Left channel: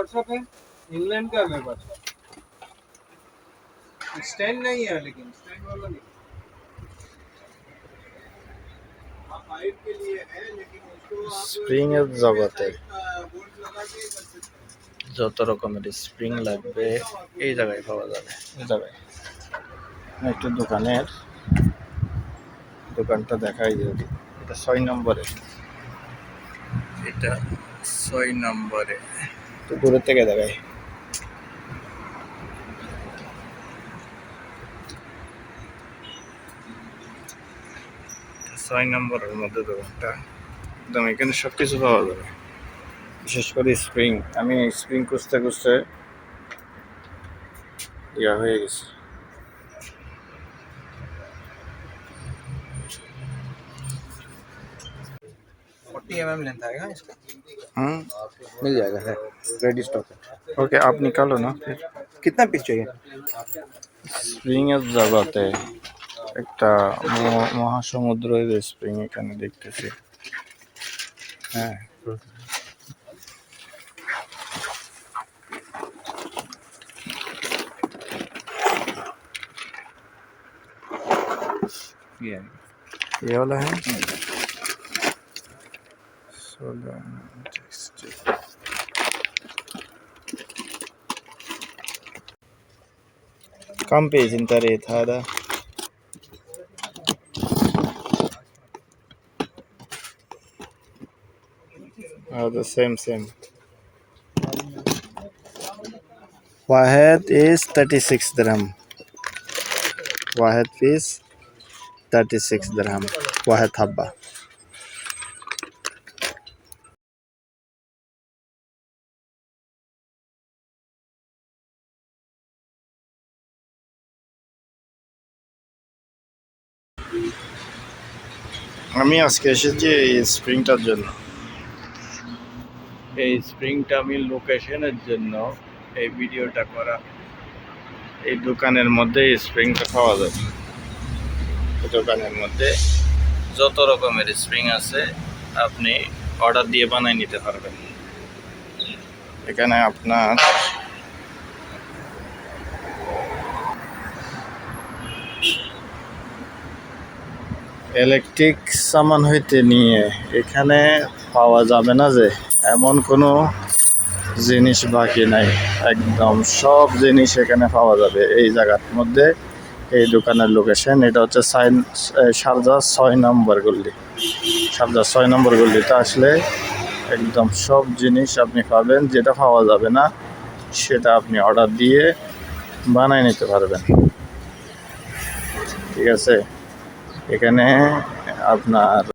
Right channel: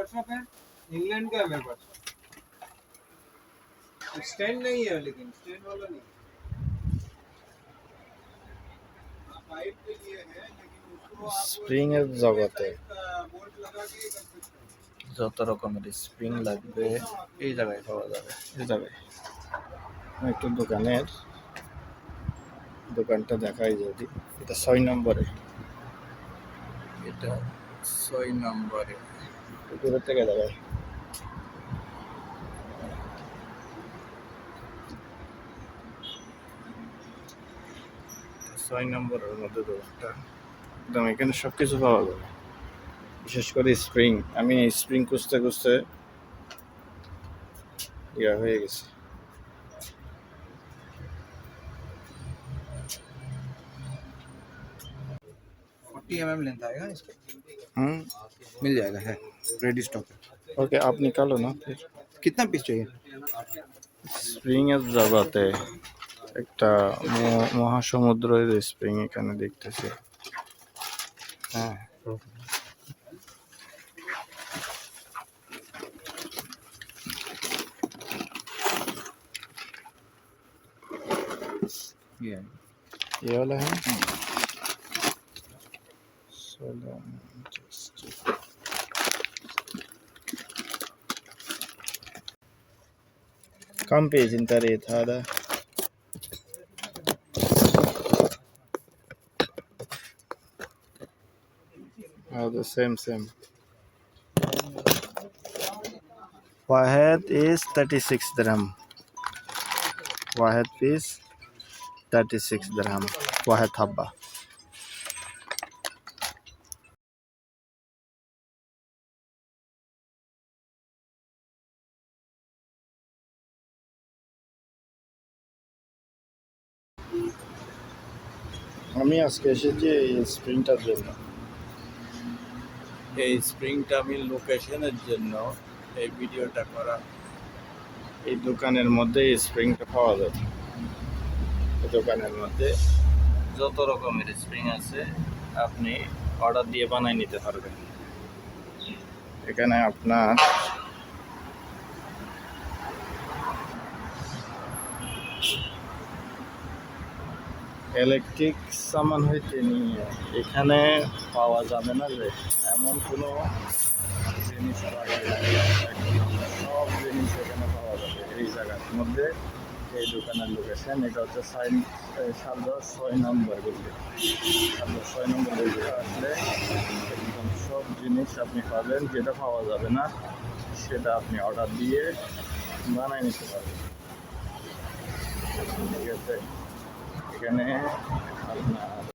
WhatsApp है, England का है मेरे पास। स्टैंड नहीं है, लेकिन स्टैंड वाला नहीं। आप हाइट के लिए है, लेकिन उसको आप स्प्रिंग এর জগতে बोल्ट लगा के कर सकते যত রকমের স্প্রিং লাগবে এই জায়গায় পাওয়া যাবে। এই জায়গায় একটা দোকানটা দেখাই যদি, এটা 6 নম্বরে, এটা 6 নম্বরে, তো দূরের থেকে দেখাই। 6 নম্বরের মধ্যে দোকানটা, একদম এখানে সব কিছু পাওয়া যাবে, বিশেষ করে স্প্রিং। আমি স্প্রিং খুঁজতে খুঁজতে ইয়া হয়ে গেছে। 40 mm लेंथ आएगा इसका, मिल जाएगा, है रेडी स्टॉक है। ओके, आप निकालो ना फिर। कितना पीस चाहिए? স্প্রিং এর জগতে একটা মহাসমুদ্রের স্প্রিং এখানে দেখতেছি। হ্যাঁ, ये वाला है। كم بيج انت ريت هذا؟ هذا سيم واحد is 36 درهم، واحد पीस 36 درهم واحد حبة। আমি আজকে এসেছি এই স্প্রিংটার জন্য। এই স্প্রিংটা আমি লোকেশনের জন্য এই ভিডিওটা করা। এই দোকানের মধ্যে এই স্প্রিংটা পাওয়া যায়। দোকানের মধ্যে যত রকমের স্প্রিং আছে আপনি অর্ডার দিয়ে বানিয়ে নিতে পারবেন। এখানে আপনার ইলেকট্রিক সামান হইতে নিয়ে এখানে পাওয়া যাবে না যে এমন কোনো জিনিস বাকি নাই, একদম সব জিনিস এখানে পাওয়া যাবে এই জায়গার মধ্যে। এই দোকানের লোকেশন এটা হচ্ছে শারজা 6 নম্বর গল্লি। শারজা 6 নম্বর গল্লিতে আসলে একদম সব জিনিস আপনি পাবেন, যেটা পাওয়া যাবে না সেটা আপনি অর্ডার দিয়ে বানিয়ে নিতে পারবেন। ঠিক আছে, এখানে আপনার